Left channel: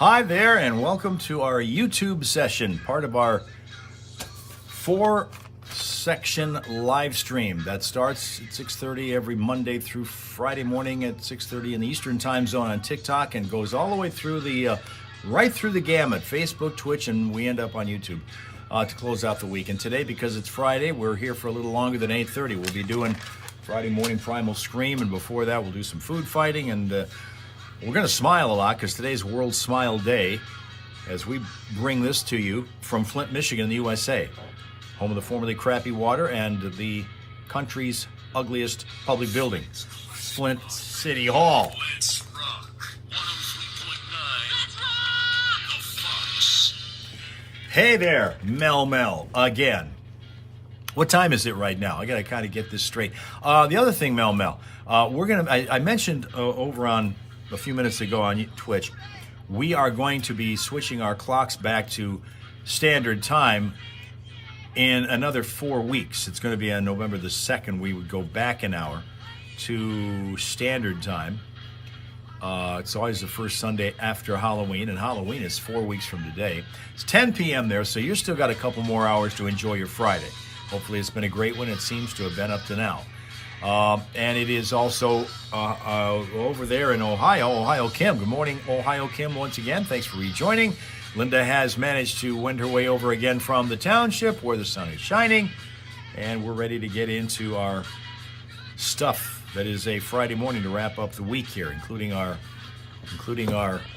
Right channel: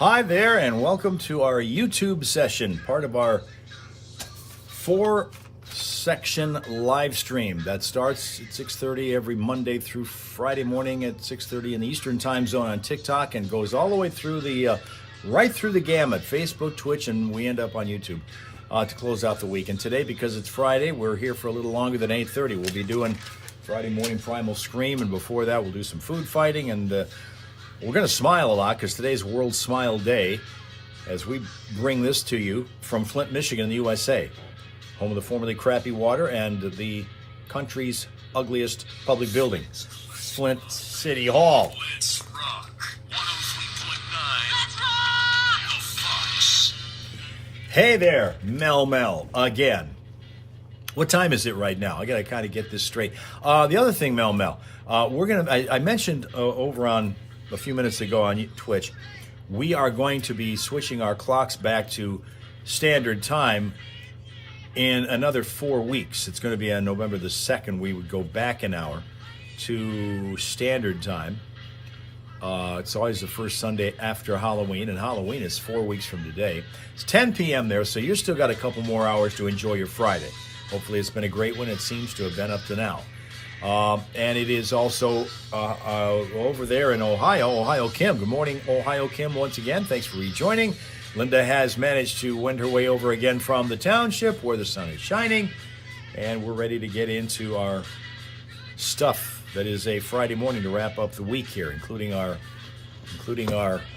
Hi there, and welcome to our YouTube session, part of our 4-section live stream that starts at 6:30 every Monday through Friday morning at 6:30 in the Eastern Time Zone on TikTok, and goes all the way through right through the gamut, Facebook, Twitch, and we end up on YouTube to close out the week. And today, because it's Friday, we're here for a little longer than 8:30. We'll be doing Friday morning Primal Scream, and before that, we'll do some food fighting, and we're going to smile a lot because today's World Smile Day as we bring this to you from Flint, Michigan, in the USA, home of the formerly crappy water and the country's ugliest public building, Flint City Hall. Let's rock 103.9. Hey there, Mel again. What time is it right now? I got to kind of get this straight. The other thing, Mel, I mentioned over on a few minutes ago on Twitch, we are going to be switching our clocks back to standard time in another 4 weeks. It's going to be on November the 2nd. We would go back an hour to standard time. It's always the first Sunday after Halloween, and Halloween is 4 weeks from today. It's 10 p.m. there, so you've still got a couple more hours to enjoy your Friday. Hopefully it's been a great one. It seems to have been up to now. And it is also over there in Ohio, Kim. Good morning, Ohio, Kim, once again. Thanks for rejoining. Linda has managed to wend her way over again from the township where the sun is shining. And we're ready to get into our stuff that is a Friday morning to wrap up the week here, including our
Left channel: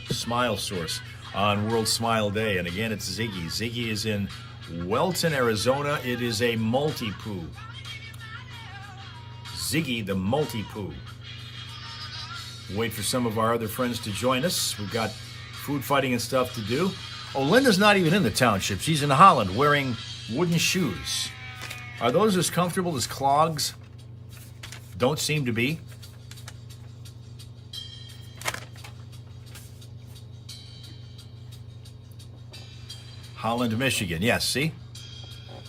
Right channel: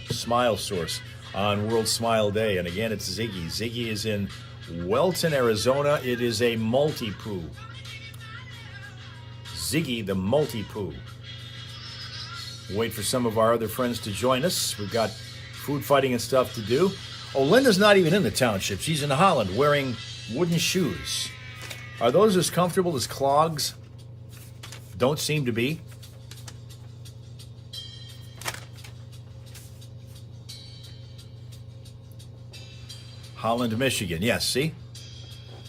smile source on World Smile Day. And again, it's Ziggy. Ziggy is in Welton, Arizona. It is a multi-poo. Ziggy the multi-poo. Wait for some of our other friends to join us. We've got food fighting and stuff to do. Oh, Linda's not even in the township. She's in Holland wearing wooden shoes. Are those as comfortable as clogs? Don't seem to be. Holland, Michigan. Yes, see?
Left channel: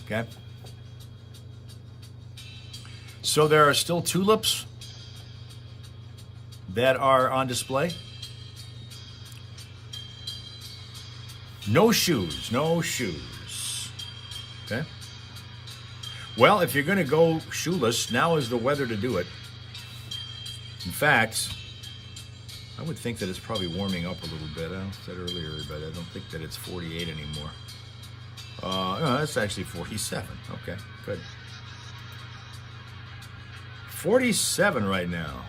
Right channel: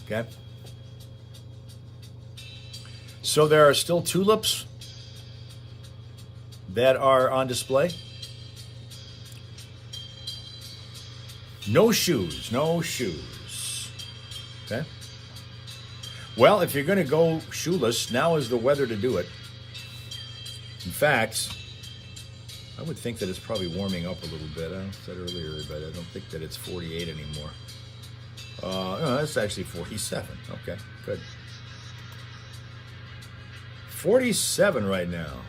Okay. So there are still tulips that are on display. No shoes, no shoes. Okay. Well, if you're going to go shoeless, now is the weather to do it. In fact, I would think that it's probably warming up a little bit. I said earlier, but I don't think that it's 48 anymore. No, that's actually 47. Okay, good. 47 right now.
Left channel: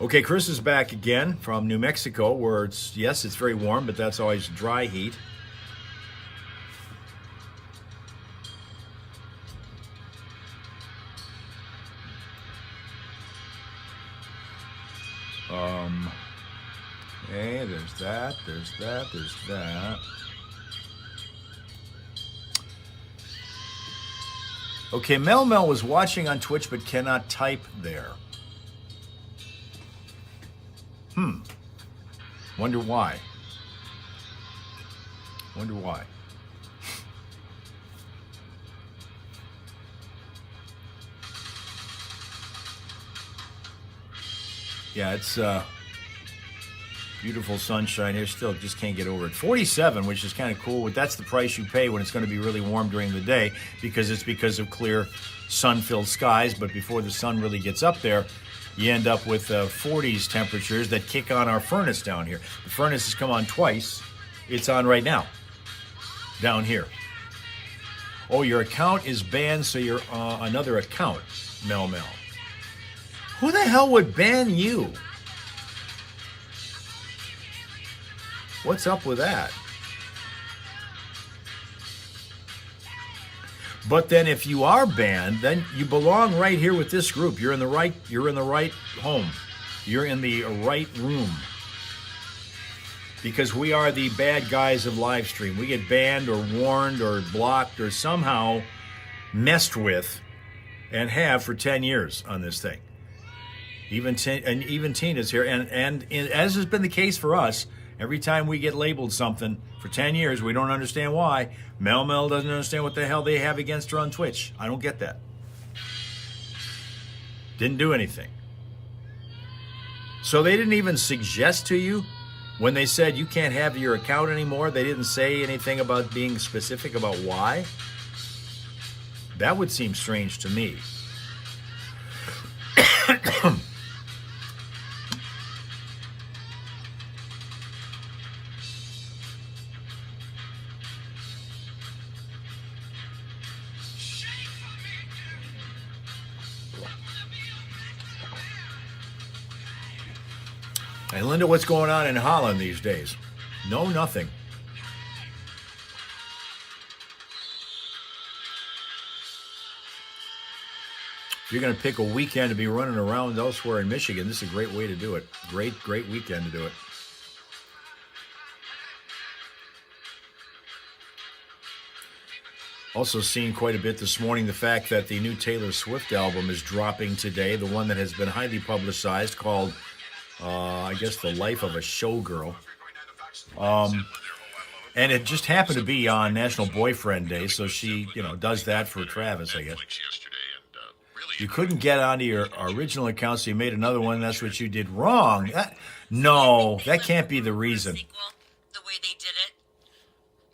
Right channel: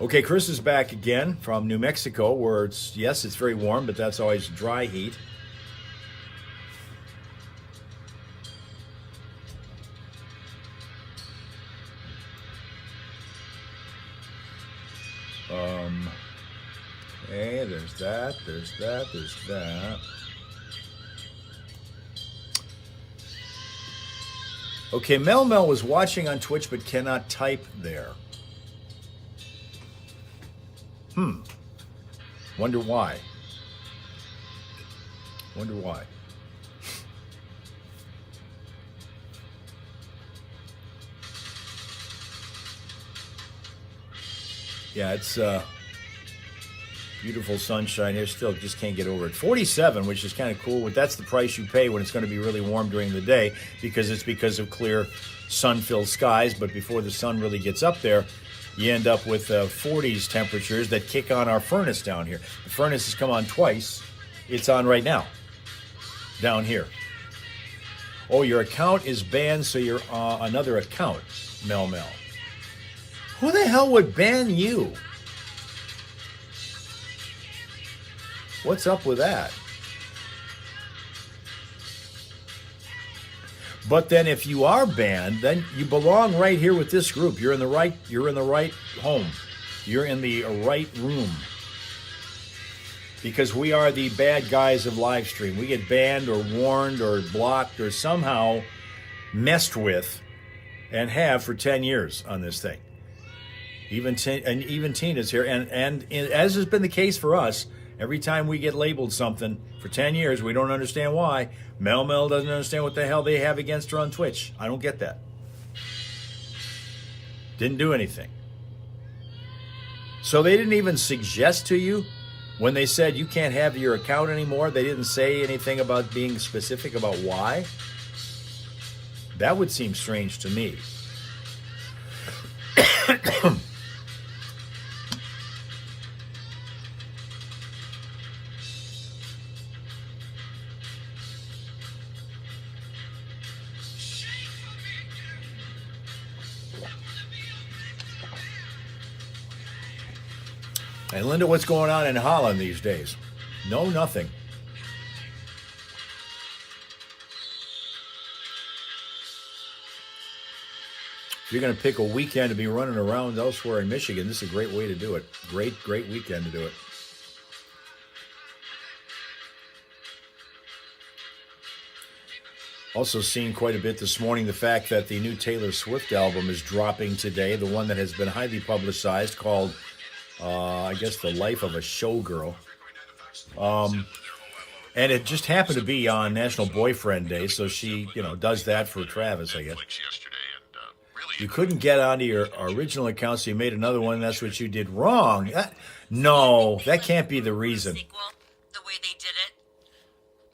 Okay, Chris is back again from New Mexico, where it's very warm, but that's always dry heat. Okay, there's that. Okay, Mel was watching on Twitch but cannot type there. Wonder why. Yeah, it's beautiful sunshine here. Still just can't get over it. 47, which is kind of cool. That's the price you pay when it's going to be really warm during the day, because of clear sun-filled skies. But before the sun really gets up there, you end up with 40s temperatures that kick on our furnace down here. The furnace has come on twice. It's on right now down here. Oh, your account is banned, so you're another account, Mel. Who the hell would ban you? What's up with that? But then if you are banned, then you belong right here with this group. You're in the right home. You're in the right room. Because we are the bad guys of live stream. We get banned or warned or blocked or somehow messed with, and have for 10 years on this thing. Even Tina's here, and as has been the case for us, Every time we get labeled something for 10 years, we don't understand why. Mel doesn't understand what the hell they have against her on Twitch. I don't get that. Didn't do anything. So they didn't even suggest to you when they said you can't have your account anymore, they didn't say anything about being specific about why? That would seem strange to me. Hey, Linda, what's going on in Holland these days? No, nothing. If you're going to pick a weekend to be running around elsewhere in Michigan, this is a great way to do it. Great weekend to do it. Also seen quite a bit this morning the fact that the new Taylor Swift album is dropping today, the one that has been highly publicized, called I guess The Life of a Showgirl. And it just happened to be on National Boyfriend Day, so she, does that for Travis, I guess. You couldn't get onto your original account, so you made another one. That's what you did wrong. No, that can't be the reason. The way they did it.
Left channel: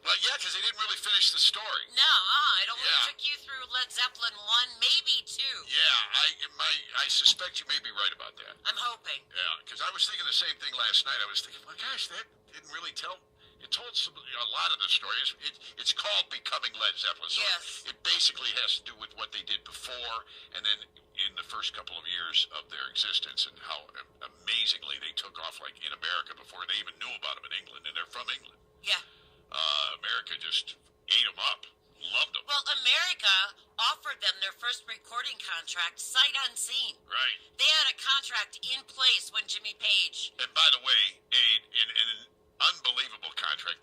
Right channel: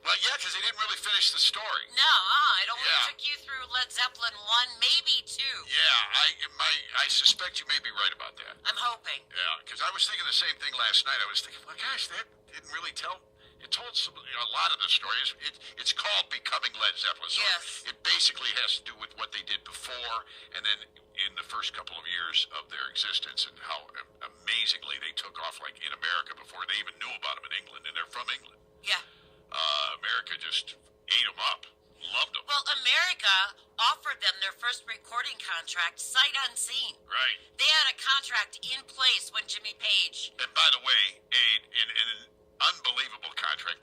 Well, yeah, because they didn't really finish the story. No, it only took you through Led Zeppelin 1, maybe 2. Yeah, I suspect you may be right about that. I'm hoping. Yeah, because I was thinking the same thing last night. I was thinking, well, gosh, that didn't really tell. It told a lot of the stories. It's called Becoming Led Zeppelin. So yes. It basically has to do with what they did before and then in the first couple of years of their existence and how amazingly they took off, like in America before they even knew about them in England, and they're from England. Yeah. America just ate them up. Loved them. Well, America offered them their first recording contract sight unseen. Right. They had a contract in place when Jimmy Page. And by the way, an unbelievable contract.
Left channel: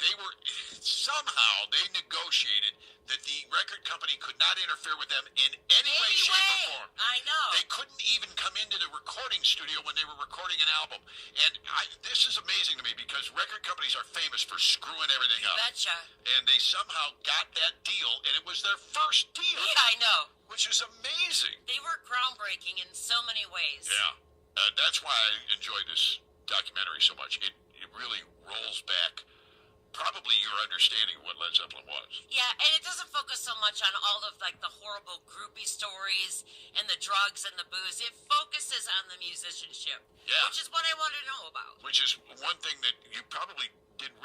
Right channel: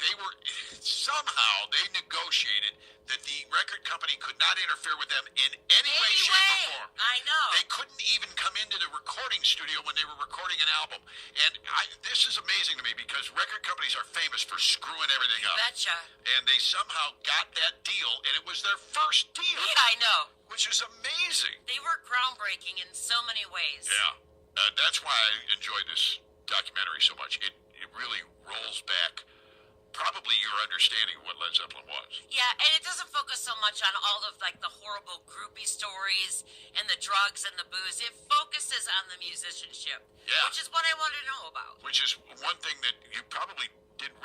Somehow they negotiated that the record company could not interfere with them in any way, shape, or form. I know. They couldn't even come into the recording studio when they were recording an album. And this is amazing to me because record companies are famous for screwing everything up. Betcha. And they somehow got that deal, and it was their first deal. Yeah, I know. Which is amazing. They were groundbreaking in so many ways. Yeah. That's why I enjoyed this documentary so much. It really rolls back probably your understanding of what Led Zeppelin was. Yeah, and it doesn't focus so much on all of the horrible groupie stories and the drugs and the booze. It focuses on the musicianship, which is what I want to know about. Which is one thing that you probably didn't.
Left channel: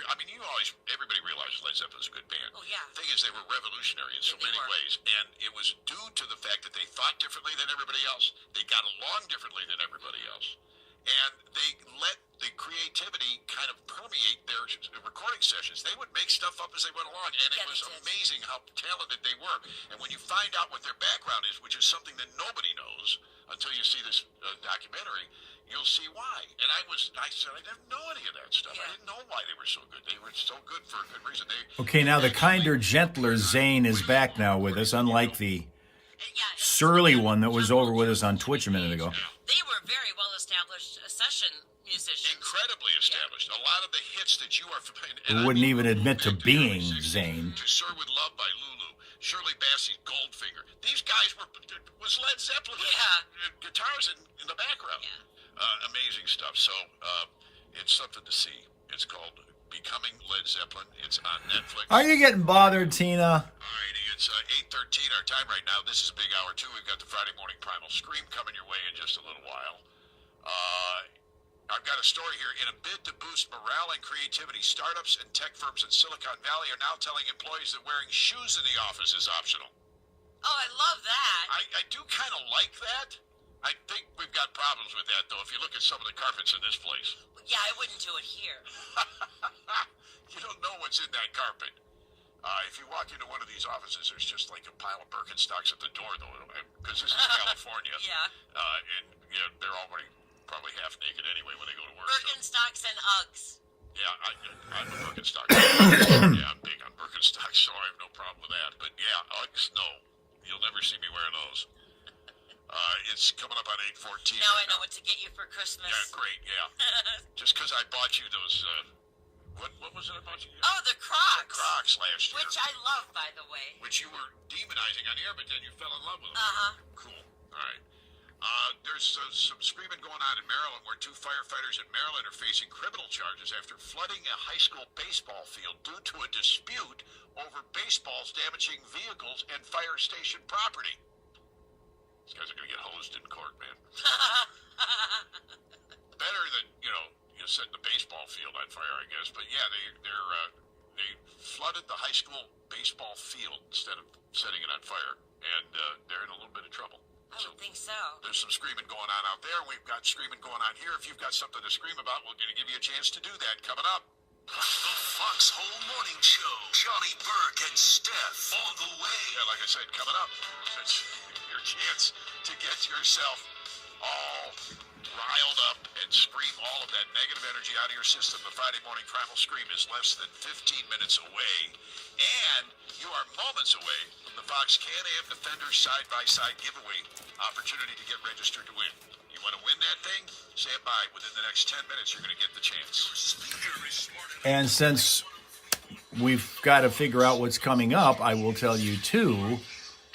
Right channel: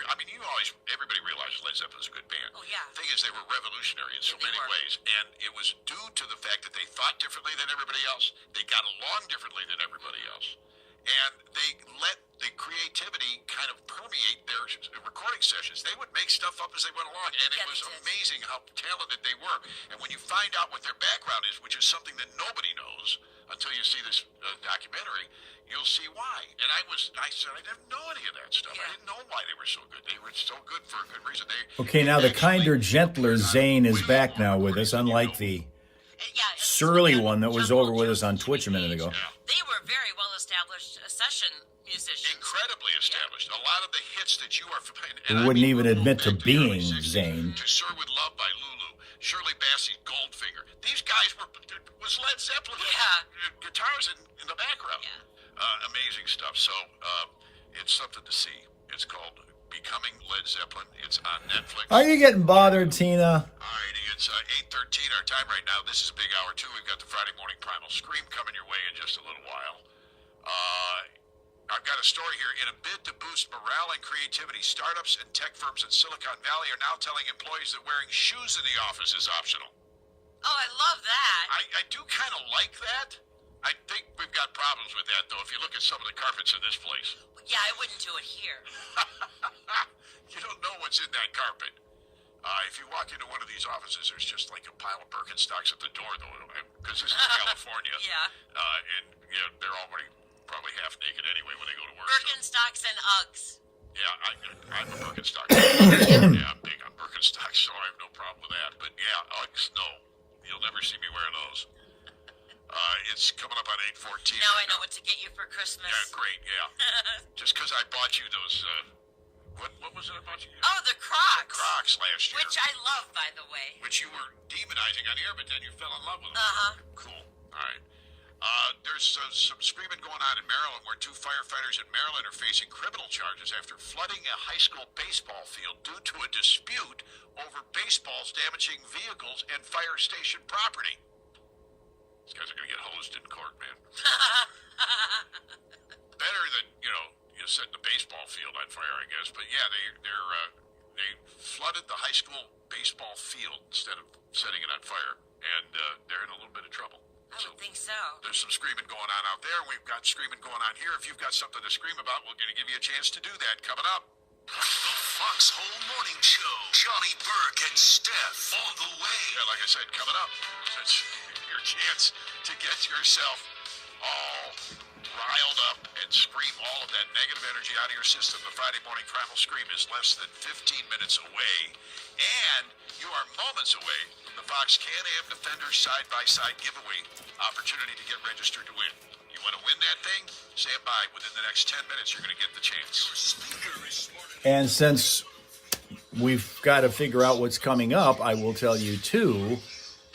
Everybody realized Led Zeppelin's a good band. Oh yeah. The thing is, they were revolutionary in so many ways, and it was due to the fact that they thought differently than everybody else. They got along differently than everybody else, and they let the creativity kind of permeate their recording sessions. They would make stuff up as they went along, and it was amazing how talented they were. And when you find out what their background is, which is something that nobody knows until you see this documentary, you'll see why. And I said I didn't know any of that stuff. I didn't know why they were so good. They were so good for a good reason. Okay, now the kinder, gentler Zane is back now with us, unlike the surly one that was over with us on Twitch a minute ago. They were very well-established session musicians. Incredibly established. A lot of the hits that you are familiar with. Who wouldn't even admit to being Zane. To Sir With Love by Lulu. Shirley Bassey's Goldfinger. These guys was Led Zeppelin. Yeah. Guitars in the background. Yeah. Amazing stuff. So it's something to see. It's called Becoming Led Zeppelin. It's on Netflix. Are you getting bothered, Tina? All right, it's 8:13 our time right now. This is a big hour, too. We've got the Friday Morning Primal Scream coming your way in just a little while. I've got a story here. In a bid to boost morale and creativity, startups and tech firms in Silicon Valley are now telling employees that wearing shoes in the office is optional. Oh, I love that. I do kind of like that. I think we've got problems with that, though, if you look at some of the carpets in this place. Yeah, I wouldn't do it here. You don't know what's in that carpet. If you walk into one of these offices, there's just like a pile of Birkenstocks at the door, though, because this is California. And they're already probably half naked anyway when they go to work. Birkenstocks and Uggs. Yeah, I'm a Birkenstock. Yeah, I'm big on Birkenstocks, so I have no problem with that. But yeah, Uggs, no. You'll never see me wearing those. It's coming up on 8:14. Now I know what to get you for Christmas. Yeah, great, yeah. Just because I bought you those What was it about you? Oh, the Crocs. Crocs last year. Which I love, by the way. Which you were demonizing on air, but then you fell in love with them. Uh-huh. Cool. All right. There's some screaming going on in Maryland where 2 firefighters in Maryland are facing criminal charges after flooding a high school baseball field due to a dispute over baseballs damaging vehicles and fire station property. These guys are going to get hosed in court, man. Better than, you set the baseball field on fire, I guess. But yeah, they flooded the high school baseball field instead of setting it on fire, and they're in a little bit of trouble. I don't think so. There's some screaming going on out there. We've got screaming going on here. If you've got something to scream about, we're going to give you a chance to do that coming up. The Foxhole Morning Show. Johnny Burke and Steph on the way. Yeah, like I said, coming up. That's your chance to get yourself all riled up and scream all of that negative energy out of your system. The Friday Morning Primal Scream is less than 15 minutes away. And you are moments away from the Fox Can-Am Defender side-by-side giveaway opportunity to get registered to win. You want to win that thing? Stand by. Within the next 10 minutes, you're going to get the chance. And since we've got to figure out what's coming up, I will tell you, too,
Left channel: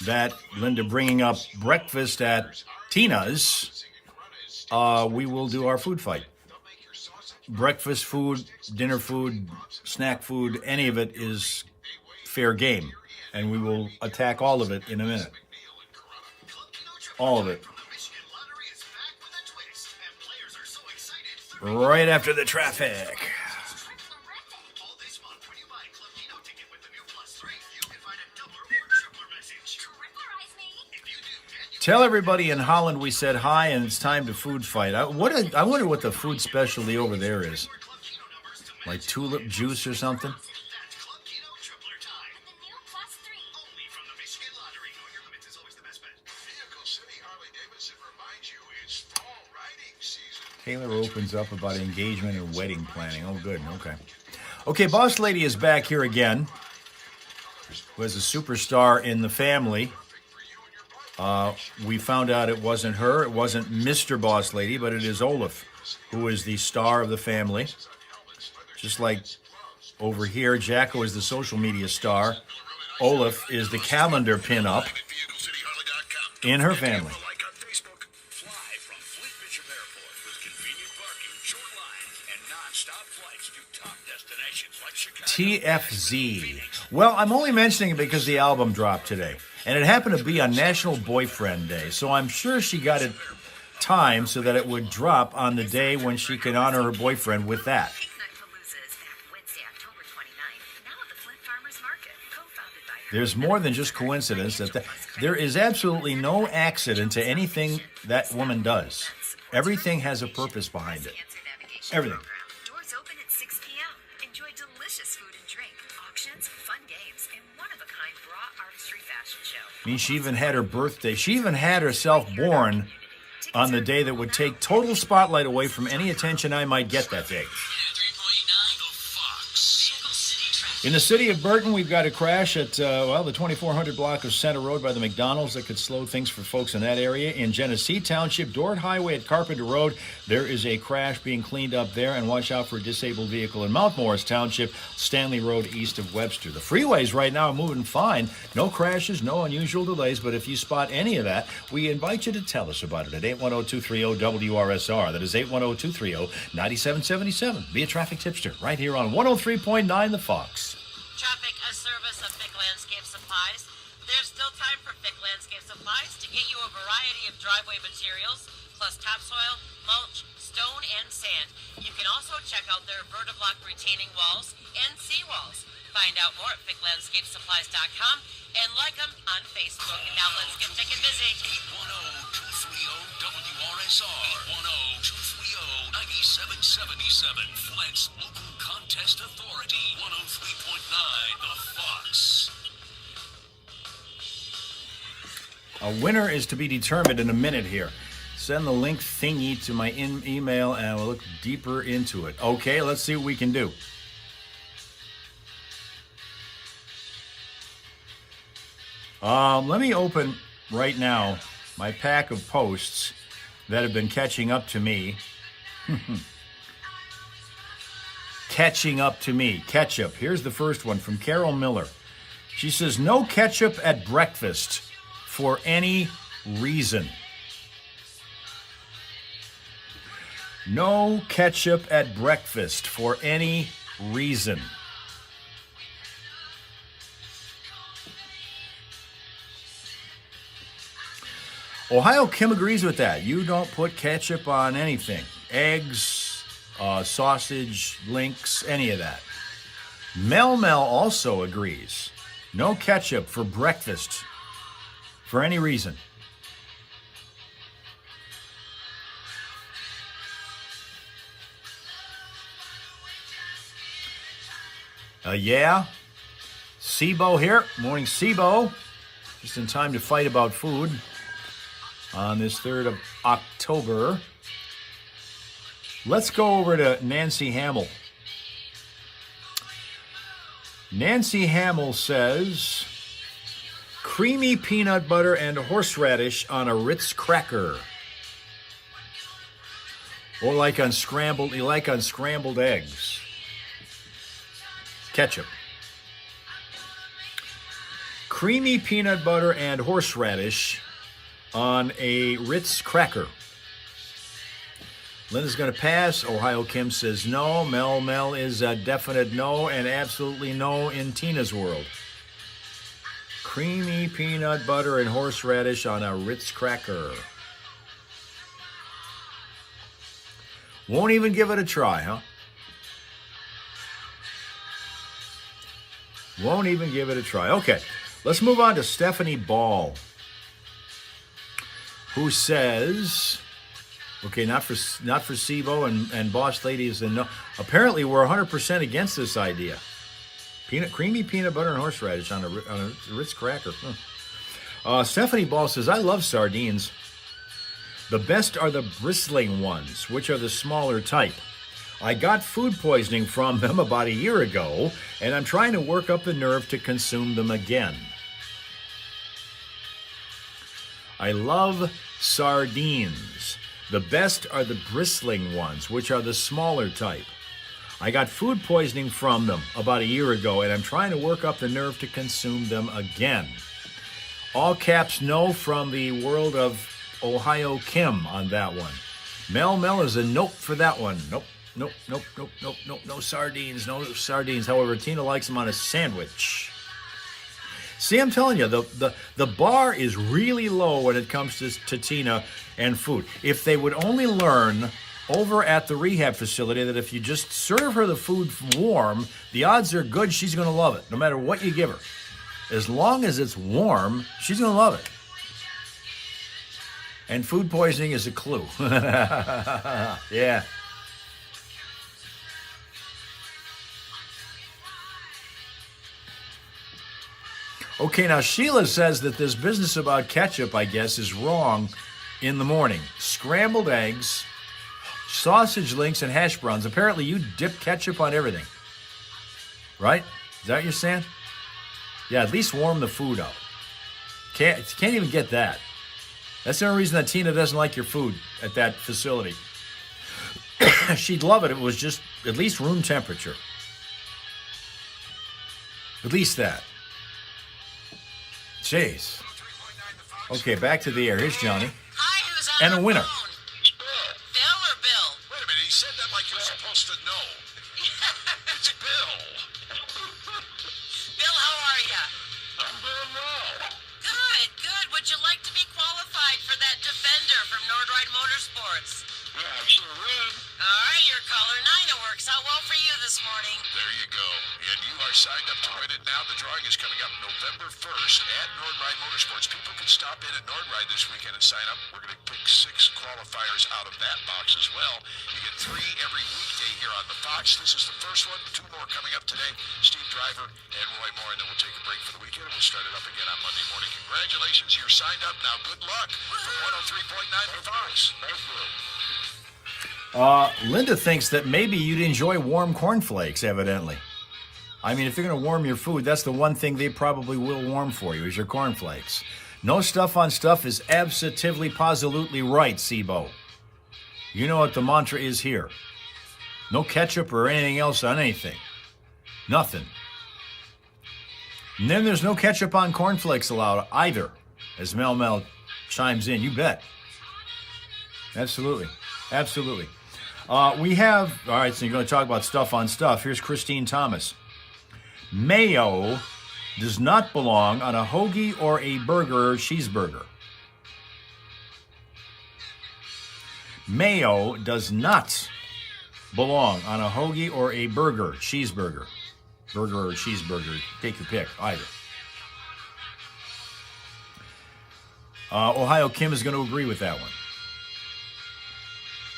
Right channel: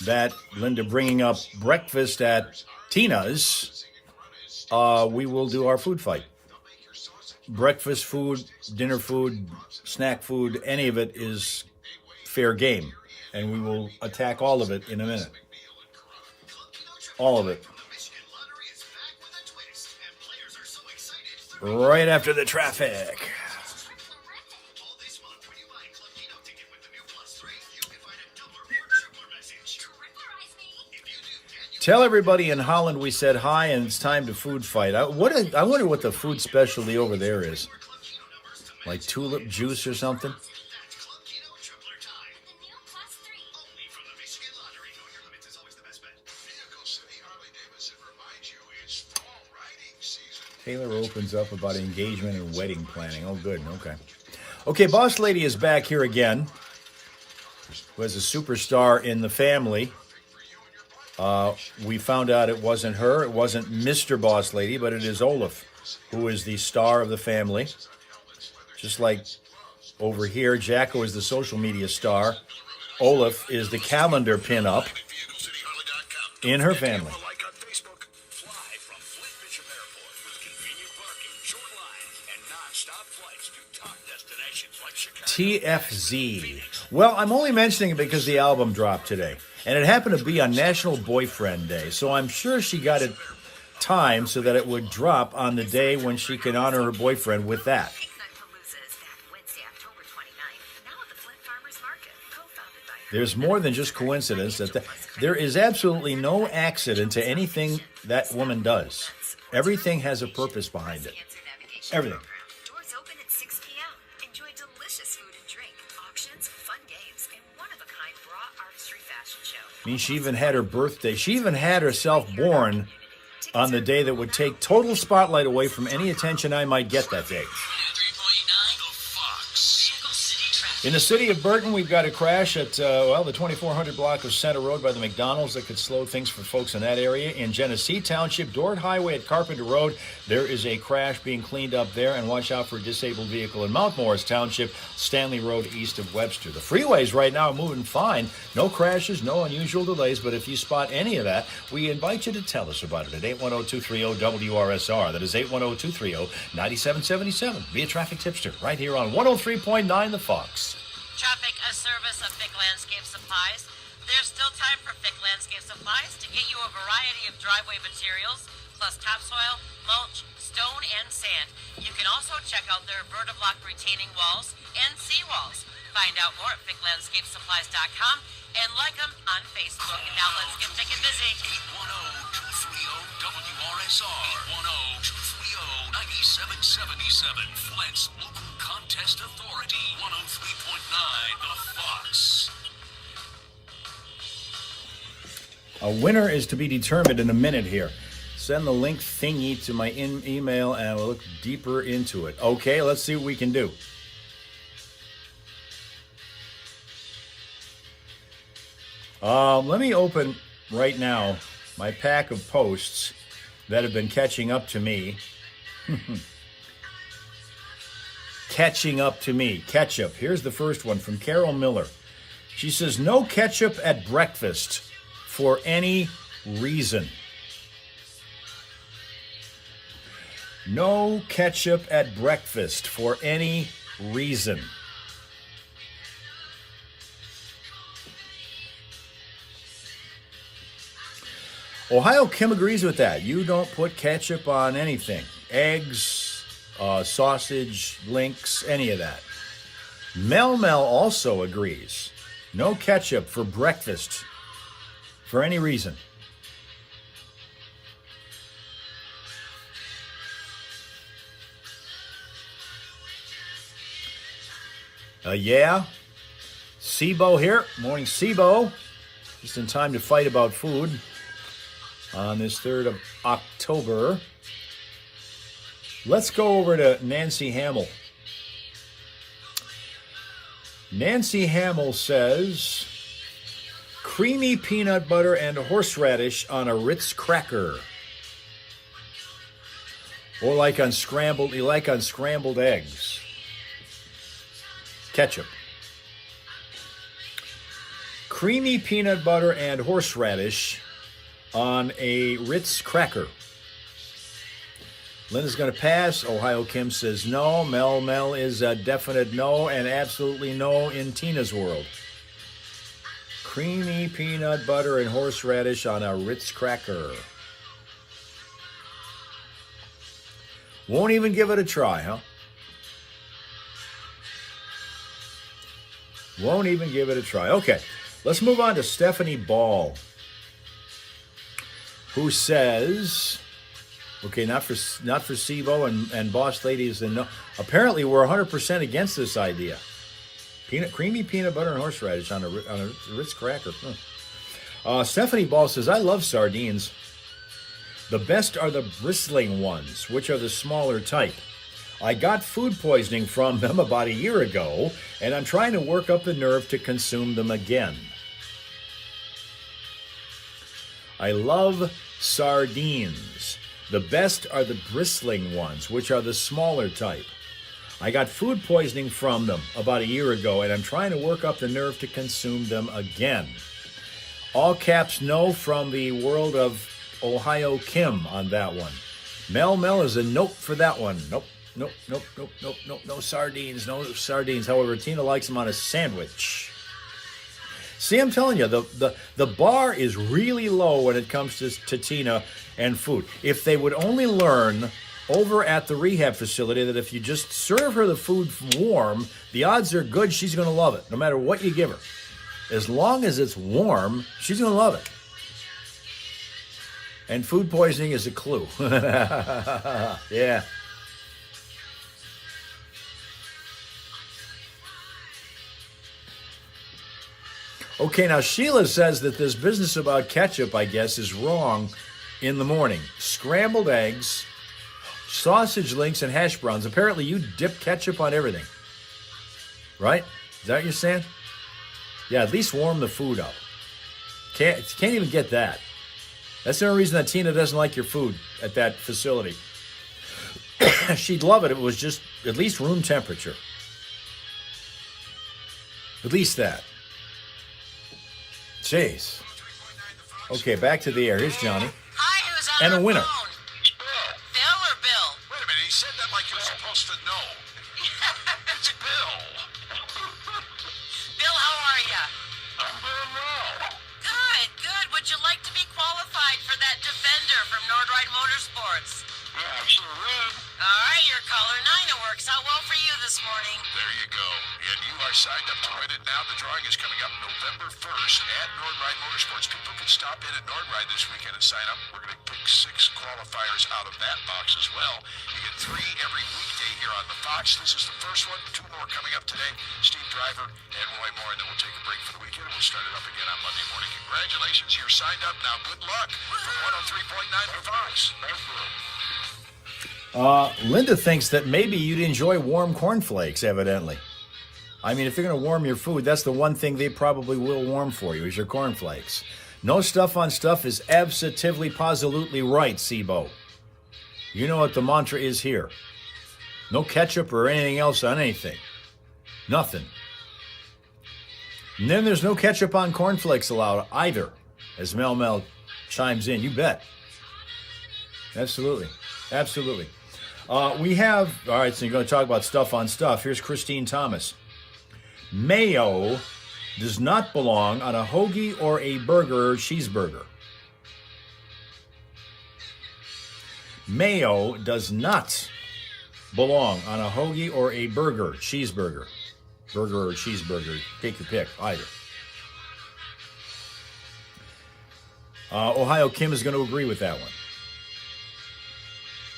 that Linda bringing up breakfast at Tina's, we will do our food fight. Breakfast food, dinner food, snack food, any of it is fair game. And we will attack all of it in a minute. All of it. Right after the traffic. Tell everybody in Holland we said hi and it's time to food fight. I wonder what the food specialty over there is. Like tulip juice or something? Taylor opens up about engagement and wedding planning. Oh, good. Okay. Okay, Boss Lady is back here again. Was a superstar in the family. We found out it wasn't her. It wasn't Mr. Boss Lady, but it is Olaf, who is the star of the family. Just like over here, Jacko is the social media star. Olaf is the calendar pin-up in her family. TFZ. Well, I'm only mentioning it because the album dropped today. And it happened to be on National Boyfriend Day. So I'm sure she got it timed so that it would drop on the day when she can honor her boyfriend with that. There's more than just coincidence. There is absolutely no accident to anything that woman does. Everything has a purpose behind it. Everything. I mean, she even had her birthday. She even had herself born on the day that would take total spotlight away from any attention I might get that day. In the city of Burton, we've got a crash at, the 2400 block of Center Road by the McDonald's that could slow things for folks in that area. In Genesee Township, Dort Highway at Carpenter Road, there is a crash being cleaned up there, and watch out for a disabled vehicle in Mount Morris Township, Stanley Road east of Webster. The freeways right now are moving fine. No crashes, no unusual delays, but if you spot any of that, we invite you to tell us about it at 810-230-WRSR. That is 810-230-9777. Be a traffic tipster right here on 103.9 The Fox. Traffic, a service of Vic Landscape Supplies. There's still time for Vic Landscape Supplies to get you a variety of driveway materials, plus topsoil, mulch, stone, and sand. You can also check out their Vertiblock retaining walls and seawalls. Find out more at VicLandscapeSupplies.com and like them on Facebook. Now let's get Vic and busy. 810-230-WRSR. 810-230-9777. Flint's local contest authority. 103.9 The Fox. A winner is to be determined in a minute here. Send the link thingy to my email and we'll look deeper into it. Okay, let's see what we can do. Let me open right now my pack of posts that have been catching up to me. catching up to me. Ketchup. Here's the first one from Carol Miller. She says, no ketchup at breakfast for any reason. No ketchup at breakfast for any reason. Ohio Kim agrees with that. You don't put ketchup on anything. Eggs, sausage, links, any of that. Mel also agrees. No ketchup for breakfast for any reason. Yeah. Sibo here. Morning, Sibo. Just in time to fight about food on this 3rd of October. Let's go over to Nancy Hamill. Nancy Hamill says, creamy peanut butter and horseradish on a Ritz cracker. Or like on scrambled eggs. Ketchup. Creamy peanut butter and horseradish on a Ritz cracker. Linda's going to pass. Ohio Kim says no. Mel is a definite no and absolutely no in Tina's world. Creamy peanut butter and horseradish on a Ritz cracker. Won't even give it a try, huh? Won't even give it a try. Okay, let's move on to Stephanie Ball, who says, okay, not for SIBO and Boss Ladies, and no, apparently we're 100% against this idea. Creamy peanut butter and horseradish on a Ritz cracker. Stephanie Ball says, I love sardines. The best are the bristling ones, which are the smaller type. I got food poisoning from them about a year ago, and I'm trying to work up the nerve to consume them again. I love sardines. The best are the bristling ones, which are the smaller type. I got food poisoning from them about a year ago, and I'm trying to work up the nerve to consume them again. All caps no from the world of Ohio Kim on that one. Mel is a nope for that one. Nope. No sardines. However, Tina likes them on a sandwich. See, I'm telling you, the bar is really low when it comes to Tina and food. If they would only learn over at the rehab facility that if you just serve her the food warm, the odds are good she's going to love it, no matter what you give her. As long as it's warm, she's going to love it. And food poisoning is a clue. Yeah. Okay, now Sheila says that this business about ketchup, I guess, is wrong in the morning. Scrambled eggs, sausage links, and hash browns. Apparently you dip ketchup on everything. Right? Is that what you're saying? Yeah, at least warm the food up. Can't even get that. That's the only reason that Tina doesn't like your food at that facility. She'd love it if it was just at least room temperature. At least that. Jeez. Okay, back to the air. Here's Johnny. Hi, who's And a on the winner. phone? Bill or Bill? Wait a minute, he said that like you're supposed to know. It's Bill. Bill, how are ya? I'm doing well. Good. Would you like to be qualified for that Defender from Nordride Motorsports? Yeah, I sure would. All right, you're caller 9. It works out well for you this morning. There you go. And you are signed up to win it now. The drawing is coming up November 1st at Nordride Motorsports. People can stop in at Nordride this weekend and sign up. We're going to pick 6 qualifiers out of that box as well. You get 3 every weekday here on the Fox. This is the first one. 2 more coming up today. Steve Driver and Roy Moore. And then we'll take a break for the weekend. We'll start it up again on Monday morning. Congratulations. You're signed up now. Good luck from 103.9 to Fox. Thank you. Linda thinks that maybe you'd enjoy warm cornflakes, evidently. I mean, if they're going to warm your food, that's the one thing they probably will warm for you, is your cornflakes. No stuff on stuff is absolutely, positively right, SIBO. You know what the mantra is here. No ketchup or anything else on anything. Nothing. And then there's no ketchup on cornflakes allowed either, as Mel Mel chimes in. You bet. Absolutely. Absolutely. We have, all right, so you're going to talk about stuff on stuff. Here's Christine Thomas. Mayo does not belong on a hoagie or a burger or cheeseburger. Mayo does not belong on a hoagie or a burger, cheeseburger. Burger or cheeseburger, take your pick, either. Ohio Kim is going to agree with that one.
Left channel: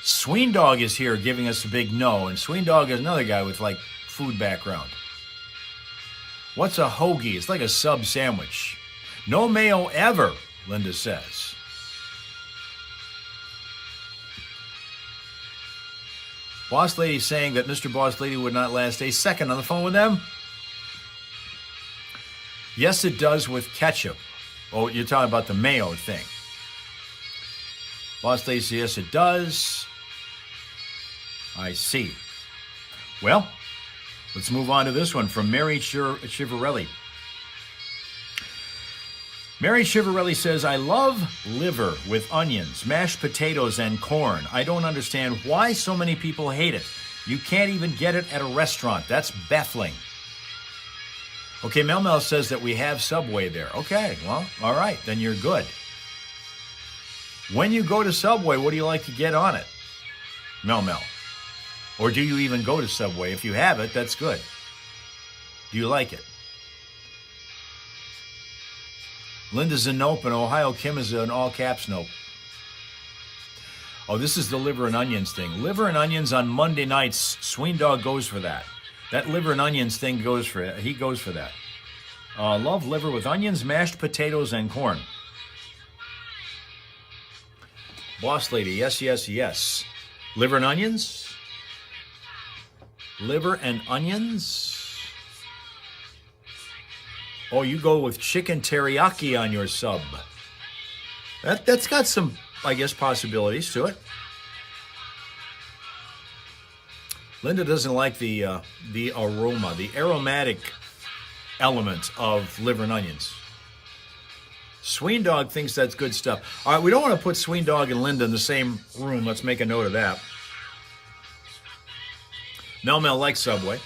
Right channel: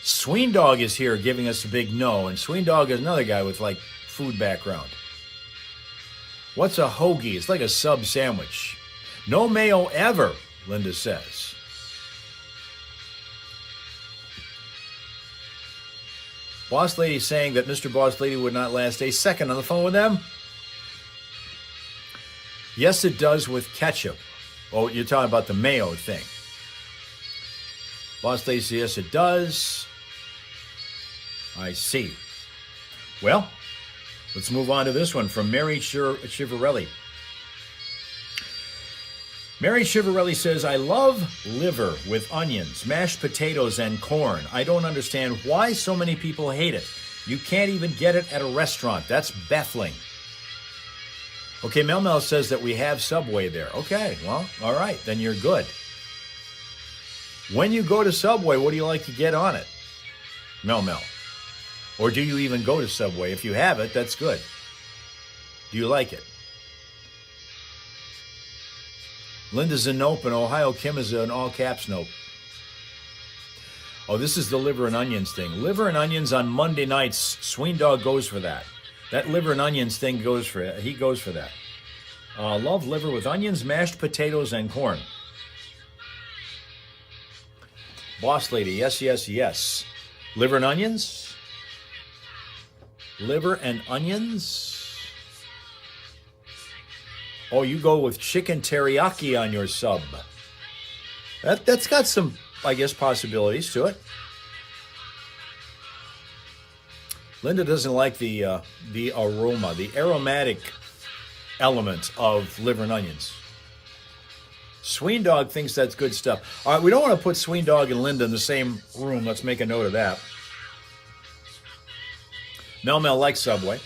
Sween Dog is here giving us a big no, and Sween Dog is another guy with, like, food background. What's a hoagie? It's like a sub sandwich. No mayo ever, Linda says. Boss Lady saying that Mr. Boss Lady would not last a second on the phone with them. Yes, it does with ketchup. Oh, you're talking about the mayo thing. Boss Lady says, yes, it does. I see. Well, let's move on to this one from Mary Chivarelli. Mary Chivarelli says, I love liver with onions, mashed potatoes, and corn. I don't understand why so many people hate it. You can't even get it at a restaurant. That's baffling. Okay, Mel Mel says that we have Subway there. Okay, well, all right, then you're good. When you go to Subway, what do you like to get on it? Mel Mel. Or do you even go to Subway? If you have it, that's good. Do you like it? Linda's a nope, and Ohio Kim is an all-caps nope. Oh, this is the liver and onions thing. Liver and onions on Monday nights. Sween Dog goes for that. That liver and onions thing goes for it. He goes for that. Love liver with onions, mashed potatoes, and corn. Boss Lady, yes, yes, yes. Liver and onions? Liver and onions? Oh, you go with chicken teriyaki on your sub. That's got some, I guess, possibilities to it. Linda doesn't like the aroma, the aromatic element of liver and onions. Sween Dog thinks that's good stuff. All right, we don't want to put Sween Dog and Linda in the same room. Let's make a note of that. Mel Mel likes Subway.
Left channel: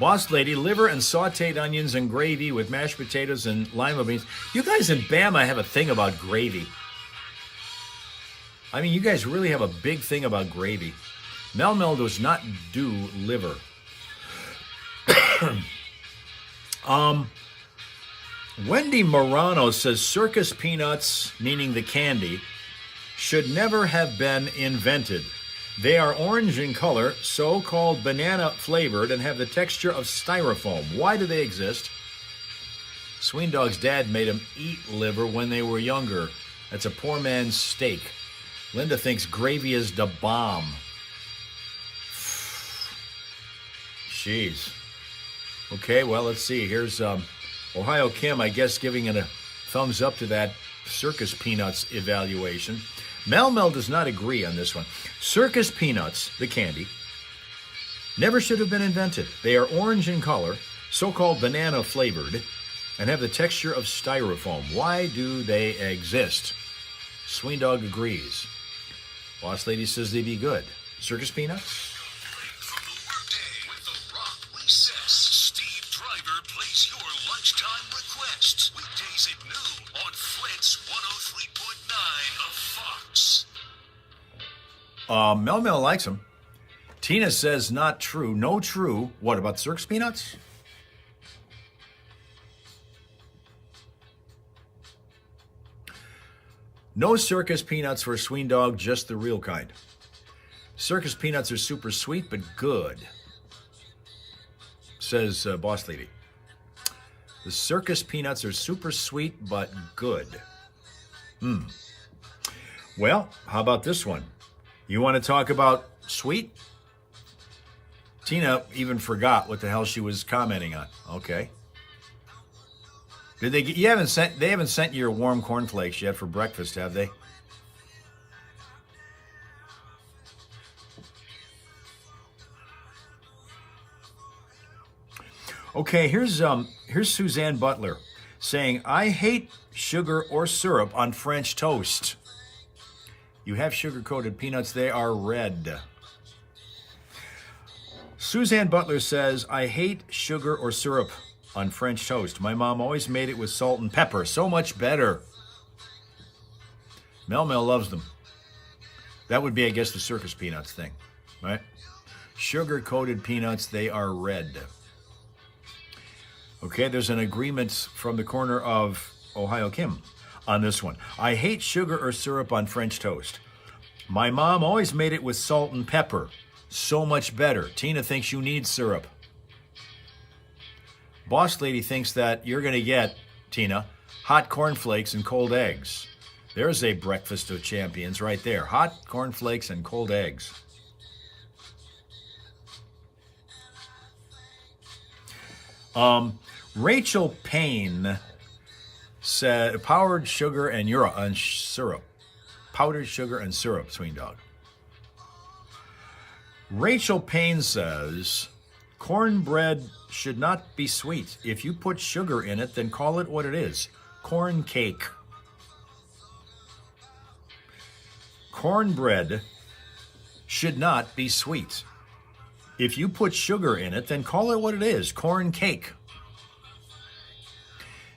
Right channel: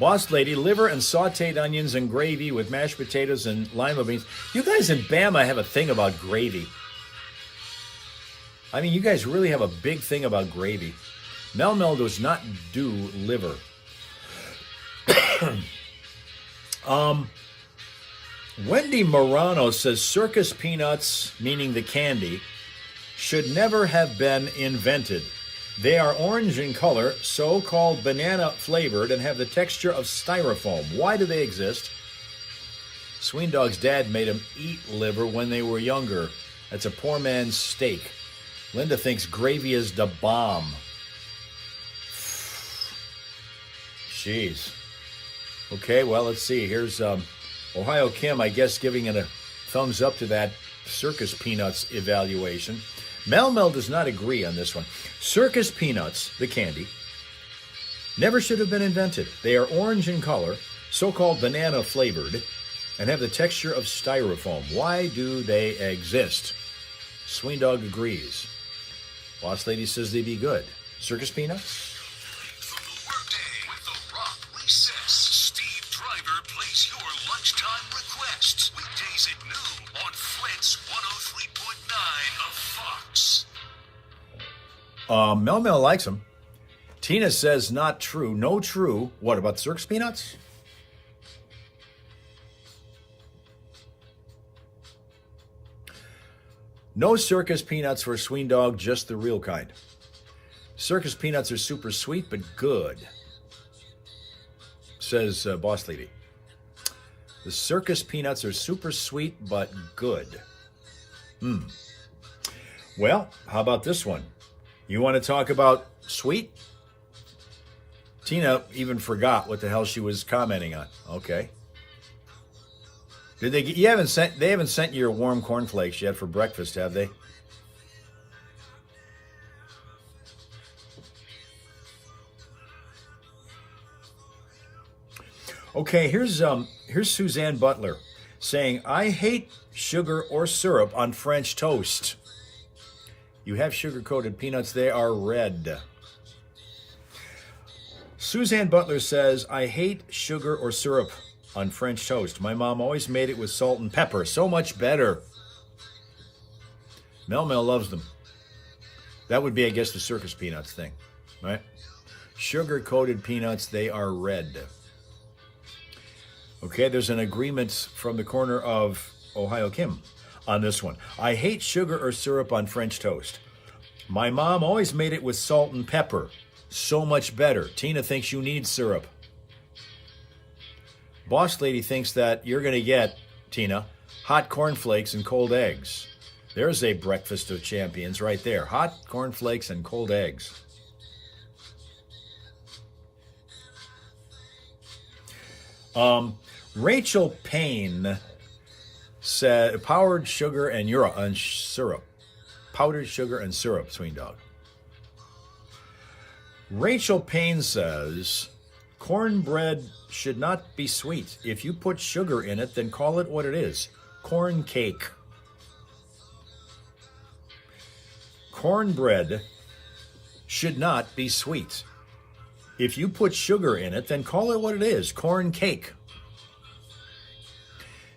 Boss Lady, liver and sauteed onions and gravy with mashed potatoes and lima beans. You guys in Bama have a thing about gravy. I mean, you guys really have a big thing about gravy. Mel Mel does not do liver. Wendy Morano says circus peanuts, meaning the candy, should never have been invented. They are orange in color, so-called banana flavored, and have the texture of styrofoam. Why do they exist? Sween Dog's dad made him eat liver when they were younger. That's a poor man's steak. Linda thinks gravy is the bomb. Jeez. Okay, well, let's see. Here's Ohio Kim, I guess, giving it a thumbs up to that circus peanuts evaluation. Mel Mel does not agree on this one. Circus peanuts, the candy, never should have been invented. They are orange in color, so-called banana flavored, and have the texture of styrofoam. Why do they exist? Sween Dog agrees. Boss Lady says they'd be good. Circus peanuts? From the workday with the Rock Recess, Steve Driver plays your lunchtime requests weekdays at noon on Flint's 103.9 of Fox. Mel Mel likes them. Tina says not true. No true. What about circus peanuts? No circus peanuts for Sween Dog, just the real kind. Circus peanuts are super sweet, but good, says Boss Lady. The circus peanuts are super sweet, but good. Well, how about this one? You want to talk about sweet? Tina even forgot what the hell she was commenting on. Okay. Did they? They haven't sent you your warm cornflakes yet for breakfast, have they? Okay, here's Suzanne Butler saying, I hate sugar or syrup on French toast. You have sugar-coated peanuts, they are red. Suzanne Butler says, I hate sugar or syrup on French toast. My mom always made it with salt and pepper. So much better. Mel loves them. That would be, I guess, the circus peanuts thing, right? Sugar-coated peanuts, they are red. Okay, there's an agreement from the corner of Ohio Kim on this one. I hate sugar or syrup on French toast. My mom always made it with salt and pepper. So much better. Tina thinks you need syrup. Boss Lady thinks that you're going to get, Tina, hot cornflakes and cold eggs. There's a breakfast of champions right there. Hot cornflakes and cold eggs. Rachel Payne said powdered sugar and syrup. Powdered sugar and syrup, Swing Dog. Rachel Payne says cornbread should not be sweet. If you put sugar in it, then call it what it is. Corn cake. Cornbread should not be sweet. If you put sugar in it, then call it what it is. Corn cake.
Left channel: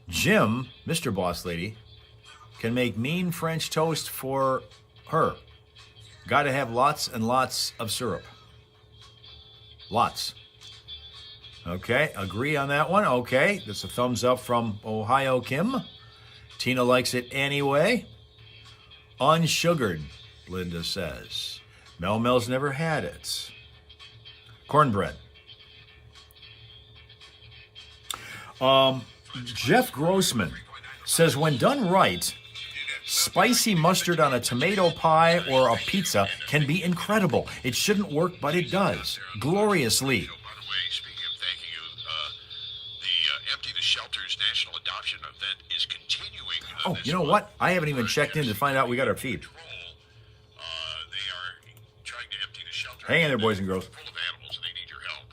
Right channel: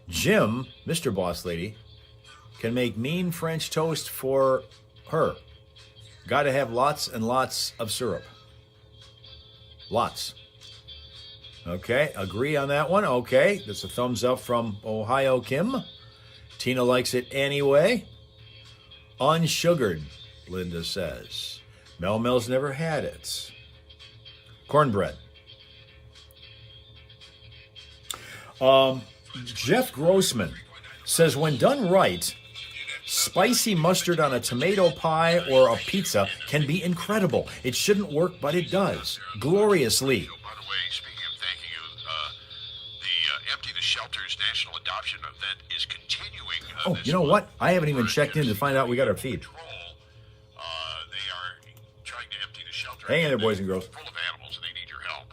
Jim, Mr. Boss Lady, can make mean French toast for her. Got to have lots and lots of syrup. Lots. Okay, agree on that one. Okay, that's a thumbs up from Ohio Kim. Tina likes it anyway. Unsugared, Linda says. Mel's never had it. Cornbread. Jeff Grossman says, when done right, spicy mustard on a tomato pie or a pizza can be incredible. It shouldn't work, but it does. Gloriously. By the way, speaking of thanking you, the Empty the Shelters National Adoption Event is continuing. Oh, you know what? I haven't even checked in to find out we got our feed. They are trying to empty the shelter. Hang in there, boys and girls. Full of animals, and they need your help.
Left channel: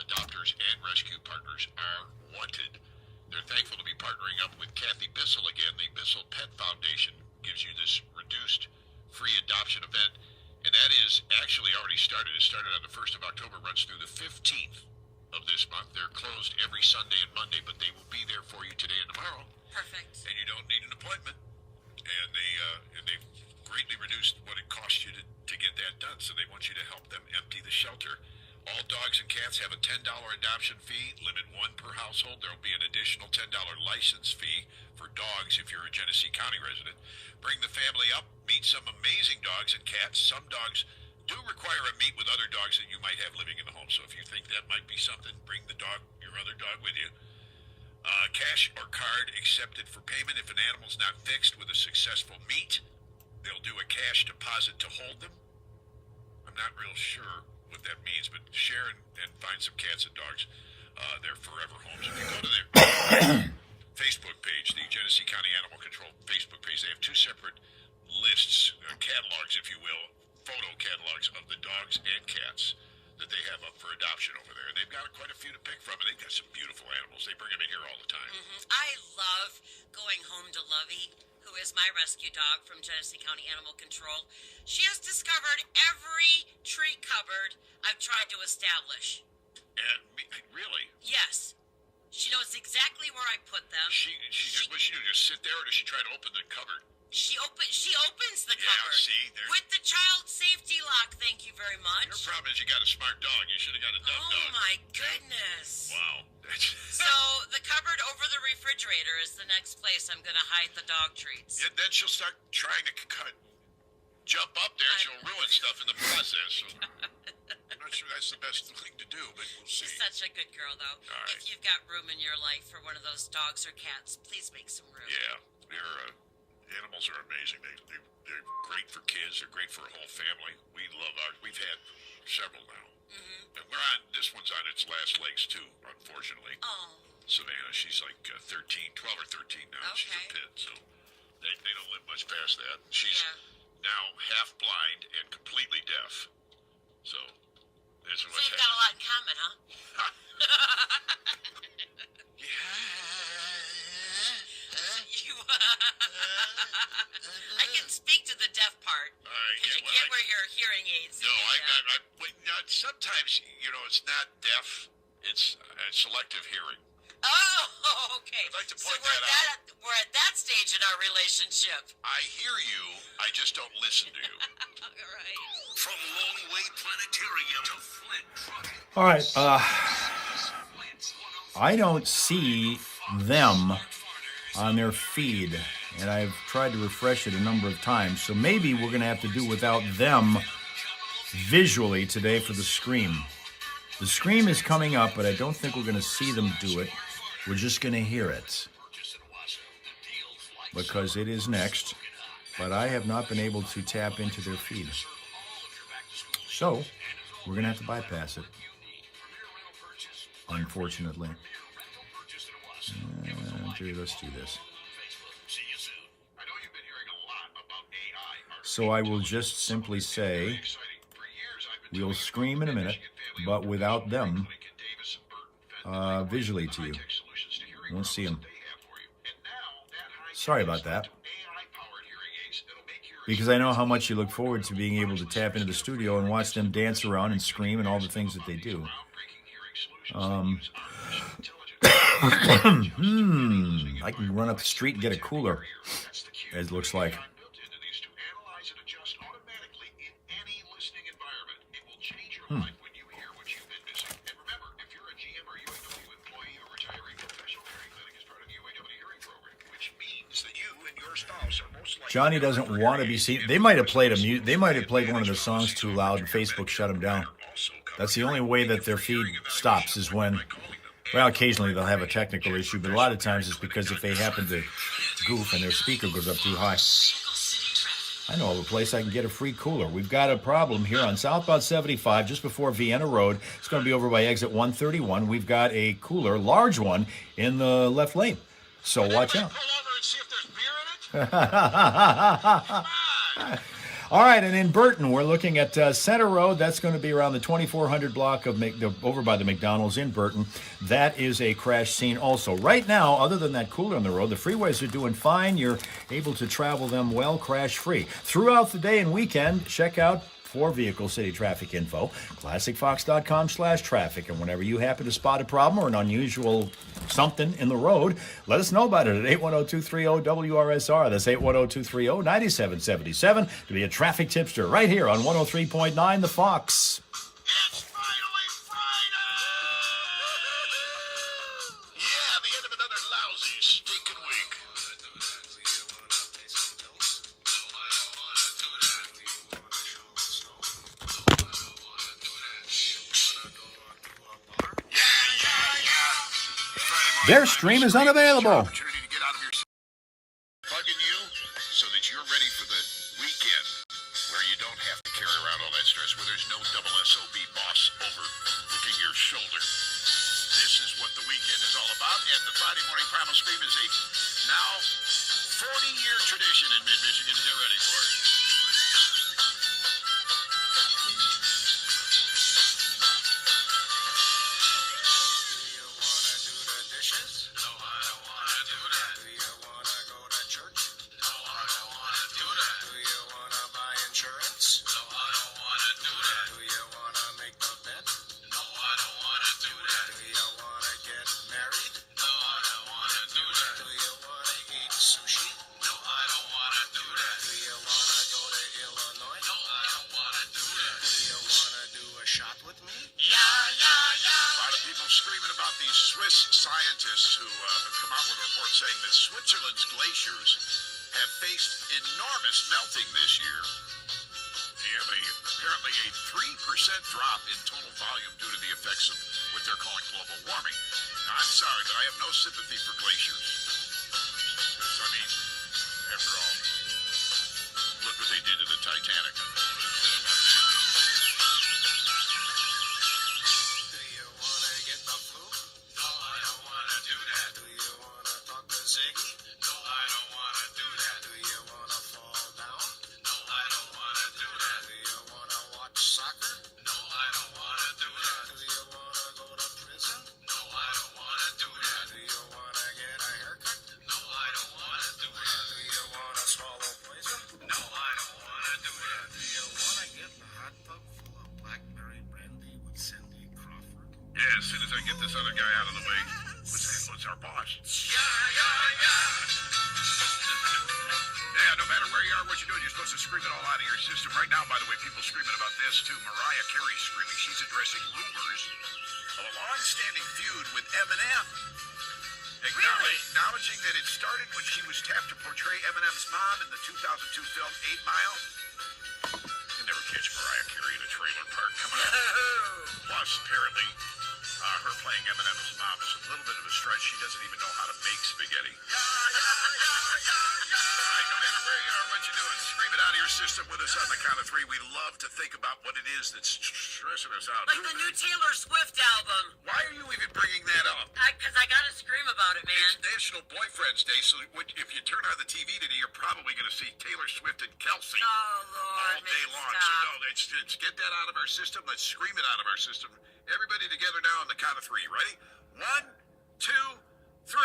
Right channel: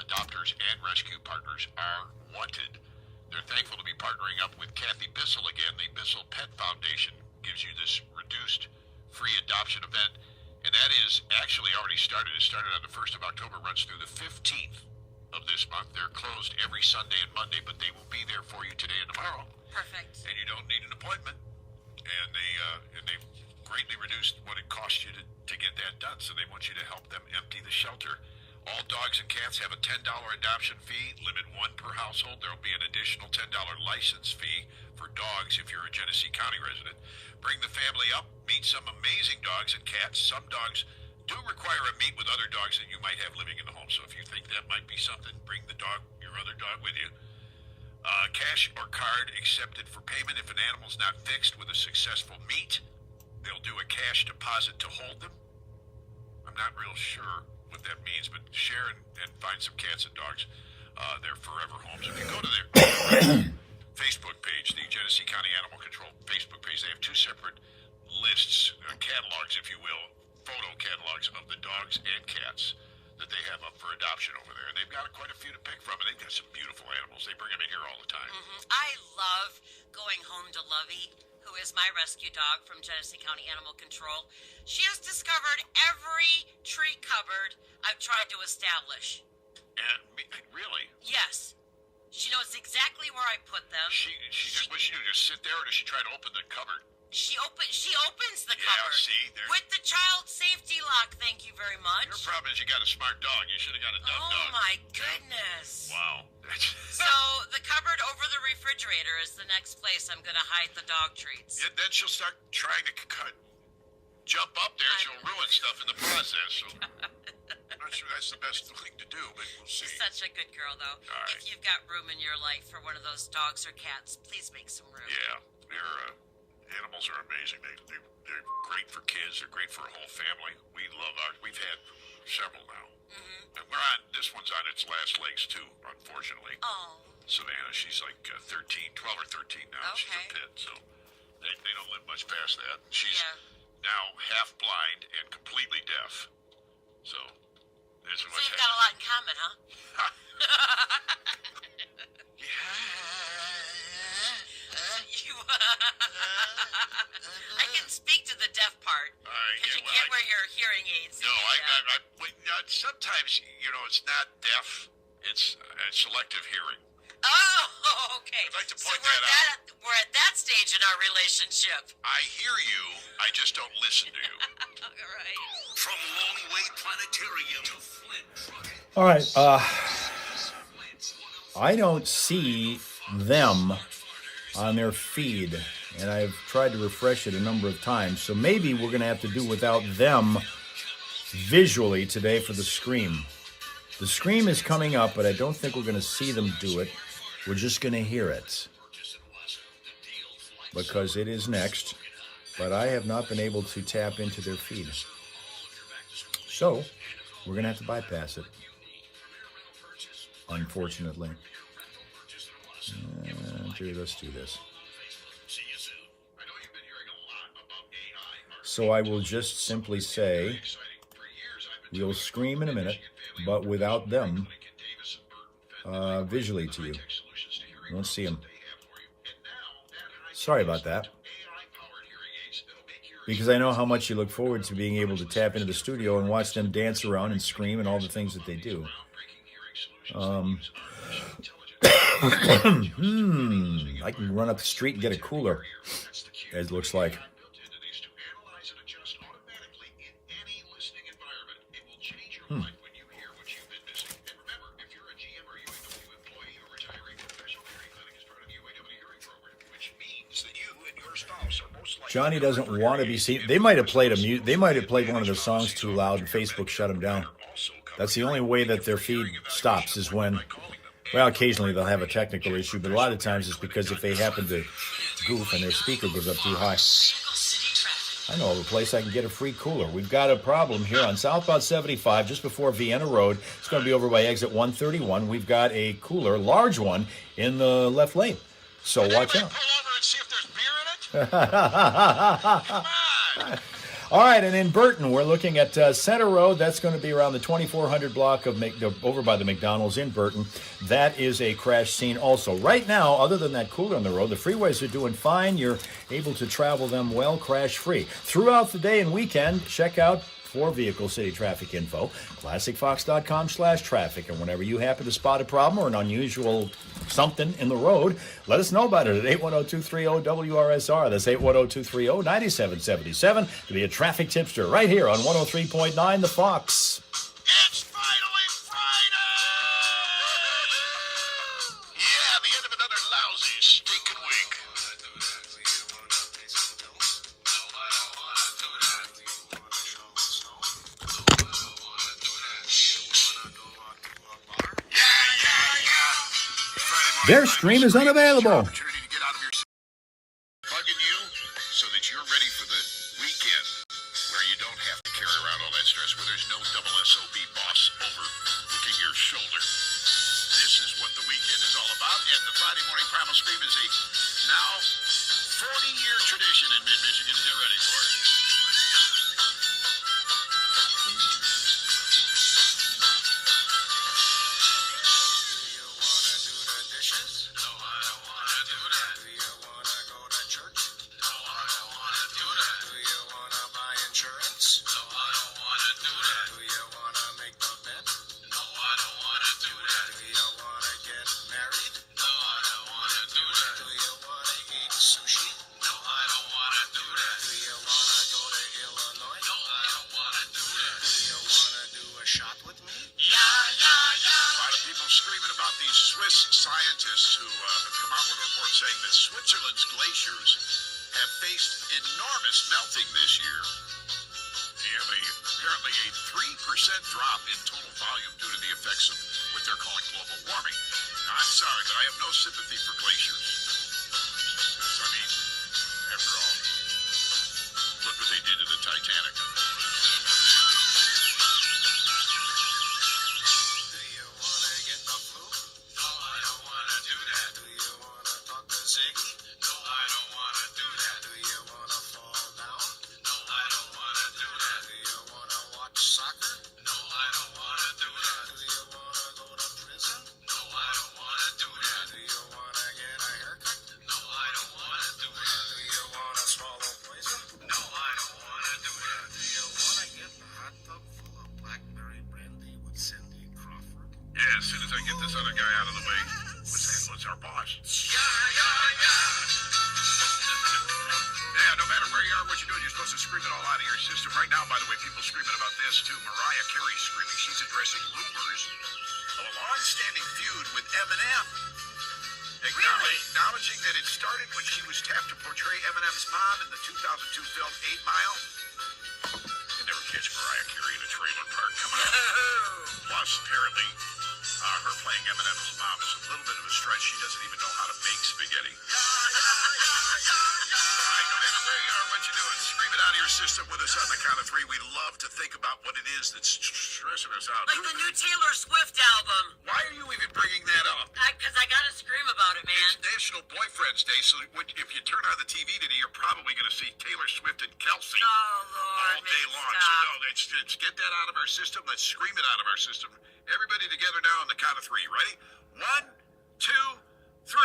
Adopters and rescue partners are wanted. They're thankful to be partnering up with Kathy Bissell again. The Bissell Pet Foundation gives you this reduced free adoption event, and that is actually already started. It started on the 1st of October, runs through the 15th of this month. They're closed every Sunday and Monday, but they will be there for you today and tomorrow. Perfect. And you don't need an appointment. And they've greatly reduced what it costs you to get that done, so they want you to help them empty the shelter. All dogs and cats have a $10 adoption fee, limit one per household. There will be an additional $10 license fee for dogs if you're a Genesee County resident. Bring the family up, meet some amazing dogs and cats. Some dogs do require a meet with other dogs that you might have living in the home, so if you think that might be something, bring your other dog with you. Cash or card accepted for payment. If an animal's not fixed with a successful meet, they'll do a cash deposit to hold them. I'm not real sure what that means, but share and find some cats and dogs. They're forever homes. If you go to their Facebook page, the Genesee County Animal Control Facebook page, they have two separate lists, catalogs, if you will, photo catalogs of the dogs and cats that they have up for adoption over there. And they've got quite a few to pick from, and they've got some beautiful animals. They bring them in here all the time. I love going home to Lovey, who is my rescue dog from Genesee County Animal Control. She has discovered every tree cupboard I've tried to establish. And really, Yes. She knows exactly where I put them. what she do, just sit there, or does she try to open the cupboard? She opens the Yeah, cupboard see, there. with the child safety lock. Thank you very much. Your problem is you got a smart dog. You should have got a dumb Oh dog. my goodness. Wow. So the cupboard over the refrigerator is the next place I'm going to hide the dog treats. And then she'll start trying to jump up there. She'll ruin stuff in the process. So I'm not sure that's the best thing to do, but we'll see. She's such a good girl, though. All right. If you've got room in your life for one of those dogs or cats, please make some room. Yeah, animals are amazing. They're great for kids. They're great for a whole family. We love ours. We've had several now. Mm-hmm. And this one's on its last legs, too, unfortunately. Oh. Savannah, she's like 12 or 13 now. She's a Okay. pit, so they don't live much past that. She's now half blind and completely deaf. So that's So what's you've got a lot in common, huh? like to See, point that out. we're at that stage in our relationship. I hear you. I just don't listen to you. All right. From Longway Planetarium to Flint. All right. I don't see them on their feed, and I've tried to refresh it a number of times. So maybe we're going to have to do without them visually today for the Scream. The Scream is coming up, but I don't think we're going to see them do it. We're just going to hear it because it is next, but I have not been able to tap into their feed. So we're going to have to bypass it, unfortunately. Let's do this. So I will just simply say we'll scream in a minute, but without them visually to you. You won't see them. Sorry about that. Because I know how much you look forward to being able to tap into the studio and watch them dance around and scream and all the things that they do. I can run up the street and get a cooler, as it looks like. Johnny doesn't want to be seen. They might have played They might have played one of the songs too loud, and Facebook shut them down. That's the only way that their feed stops is when, well, occasionally they'll have a technical issue, but a lot of times it's because if they happen to goof and their speaker goes up too high. I know of a place I can get a free cooler. We've got a problem here on southbound 75, just before Vienna Road. It's going to be over by exit 131. We've got a cooler, large one, in the left lane. So watch out. All right, and in Burton, we're looking at Center Road. That's going to be around the 2400 block of over by the McDonald's in Burton. That is a crash scene also. Right now, other than that cooler on the road, the freeways are doing fine. You're able to travel them well, crash-free. Throughout the day and weekend, check out for vehicle city traffic info, classicfox.com/traffic. And whenever you happen to spot a problem or an unusual something in the road, let us know about it at 810-230-WRSR. That's 810-230-9777 to be a traffic tipster right here on 103.9 The Fox. It's finally Friday! Yeah, the end of another lousy, stinking week. Their stream is unavailable. Opportunity to get out of your bugging you so that you're ready for the weekend where you don't have to carry around all that stress, where there's no double SOB boss over looking your shoulder. This is what the weekend is all about, and the Friday Morning Primal Scream is a now 40-year tradition in mid-Michigan. Get ready for it. Scientists who have come out with a report saying that Switzerland's glaciers have faced enormous melting this year. Apparently a 3% drop in total volume due to the effects of what they're calling global warming. Now, I'm sorry, but I have no sympathy for glaciers. Because, I mean, after all, look what they did to the Titanic. Eminem's mom in the 2002 film 8 Mile? You can never catch Mariah Carey in a trailer park coming out. Plus, apparently, her playing Eminem's mom is a little bit of a stretch. She doesn't even know how to make spaghetti. All right, no matter where you are, what you're doing, scream it out of your system with us on the count of three. We love to think about what it is that's stressing us out. Like the new Taylor Swift album. Why are you even bringing that up? Because I gotta scream about it, man. It's National Boyfriends Day, so if you turn on the TV today, you're probably going to see Taylor Swift and Kelsey Oh, Lord. all day long. So Stop. no, let's get that out of our system. Let's scream it out of our system. Everybody together now on the count of three. Ready? 1, 2, 3.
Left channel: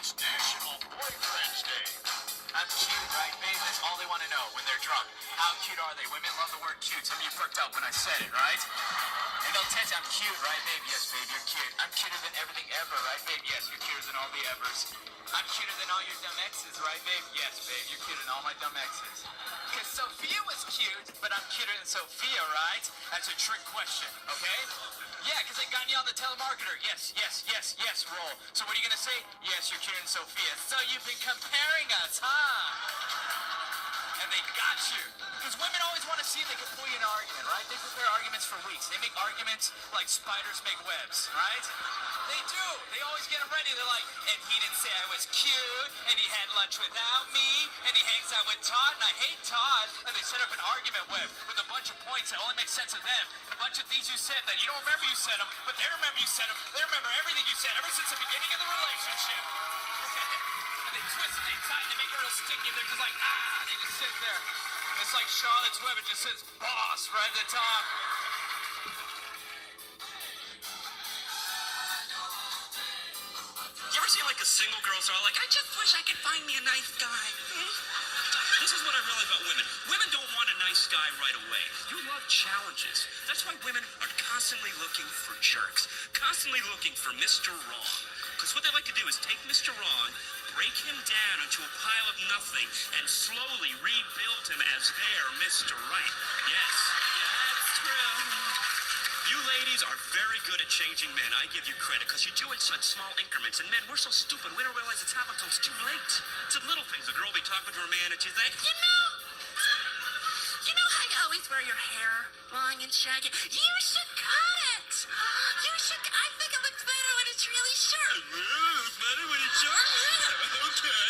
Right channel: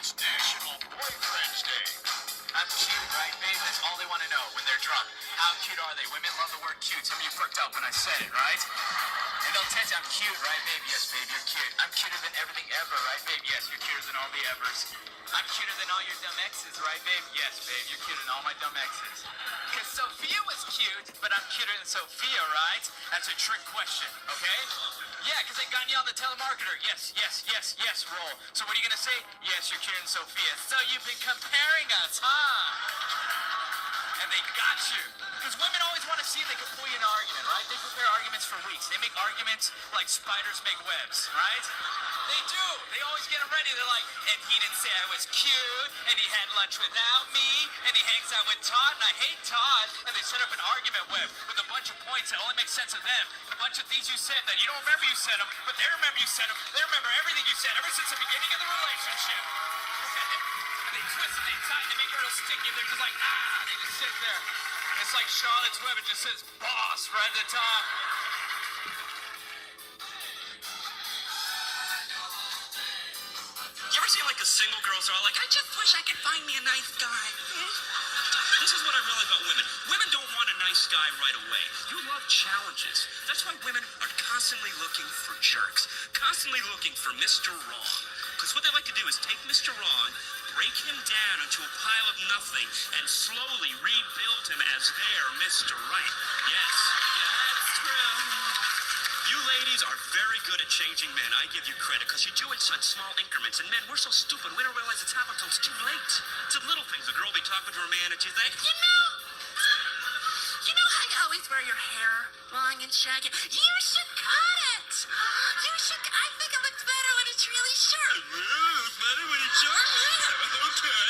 It's National Boyfriends Day. I'm cute, right, babe? That's all they want to know when they're drunk. How cute are they? Women love the word cute. Some of you perked up when I said it, right? And they'll tell you I'm cute, right, babe? Yes, babe, you're cute. I'm cuter than everything ever, right, babe? Yes, you're cuter than all the evers. I'm cuter than all your dumb exes, right, babe? Yes, babe, you're cuter than all my dumb exes. Because Sophia was cute, but I'm cuter than Sophia, right? That's a trick question, okay? Yeah, because I got you on the telemarketer. Yes, yes, yes, yes, roll. So what are you going to say? Yes, you're cuter than Sophia. So you've been comparing us, huh? And they got you. Because women always want to see if they can pull you in an argument, right? They prepare arguments for weeks. They make arguments like spiders make webs, right? They do. They always get them ready. They're like, and he didn't say I was cute, and he had lunch without me, and he hangs out with Todd, and I hate Todd. And they set up an argument web with a bunch of points that only make sense to them. A bunch of things you said that you don't remember you said them, but they remember you said them. They remember everything you said ever since the beginning of the relationship. And they twist and they tie, they make it real sticky. They're just like, they just sit there. It's like Charlotte's Web. It just says boss right at the top. You ever see like a single girl's are like, I just wish I could find me a nice guy. This is what I realize about women. Women don't want a nice guy right away. You love challenges. That's why women are constantly looking for jerks. Constantly looking for Mr. Wrong. Because what they like to do is take Mr. Wrong, break him down into a pile of nothing, and slowly rebuild him as their Mr. Right. Yes, that's true. You ladies are very good at changing men. I give you credit, because you do it in such small increments. And men, we're so stupid, we don't realize it's happened until it's too late. It's the little things. A girl will be talking to her man, and she's like, you know how you always wear your hair long and shaggy? You should cut it. You should. I think it looks better when it's really short. It's better when it's short? Okay.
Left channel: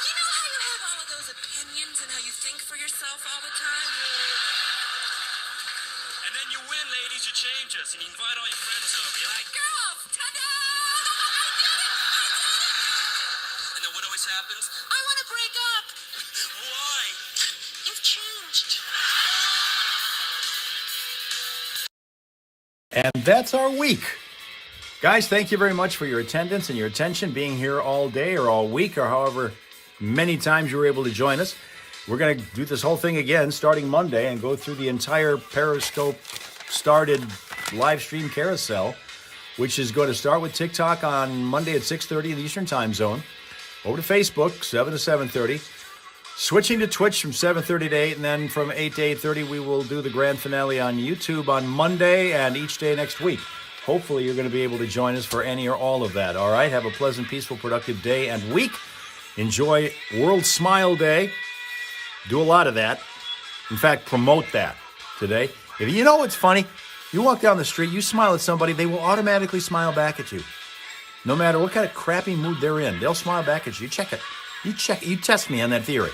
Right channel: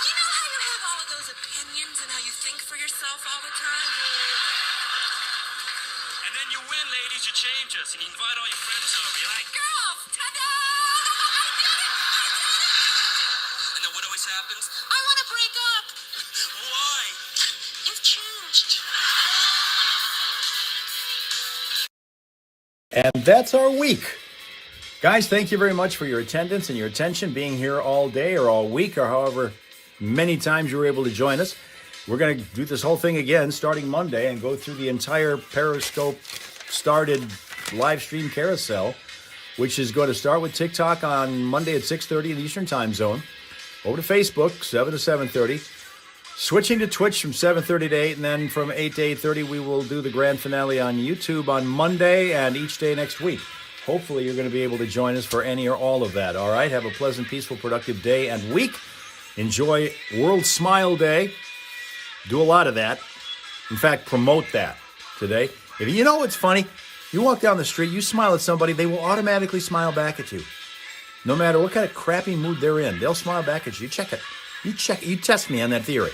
You know how you have all of those opinions and how you think for yourself all the time? And then you win, ladies, you change us, and you invite all your friends over. You're like, girls, ta-da! And then what always happens? I want to break up. Why? You've changed. And that's our week. Guys, thank you very much for your attendance and your attention, being here all day or all week or however many times you were able to join us. We're going to do this whole thing again starting Monday and go through the entire Periscope started live stream carousel, which is going to start with TikTok on Monday at 6:30 in the Eastern Time Zone. Over to Facebook, 7 to 7:30. Switching to Twitch from 7:30 to 8, and then from 8 to 8:30, we will do the grand finale on YouTube on Monday and each day next week. Hopefully, you're going to be able to join us for any or all of that. All right? Have a pleasant, peaceful, productive day and week. Enjoy World Smile Day. Do a lot of that. In fact, promote that today. If you know what's funny, you walk down the street, you smile at somebody, they will automatically smile back at you. No matter what kind of crappy mood they're in, they'll smile back at you. You check it. You test me on that theory.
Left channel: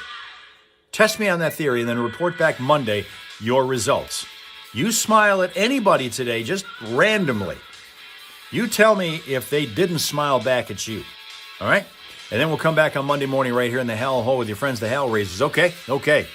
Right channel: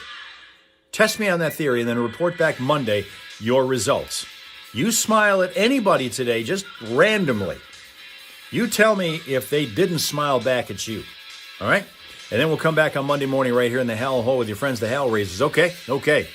Test me on that theory and then report back Monday your results. You smile at anybody today, just randomly. You tell me if they didn't smile back at you. All right? And then we'll come back on Monday morning right here in the Hell Hole with your friends, the Hell Raisers. Okay? Okay.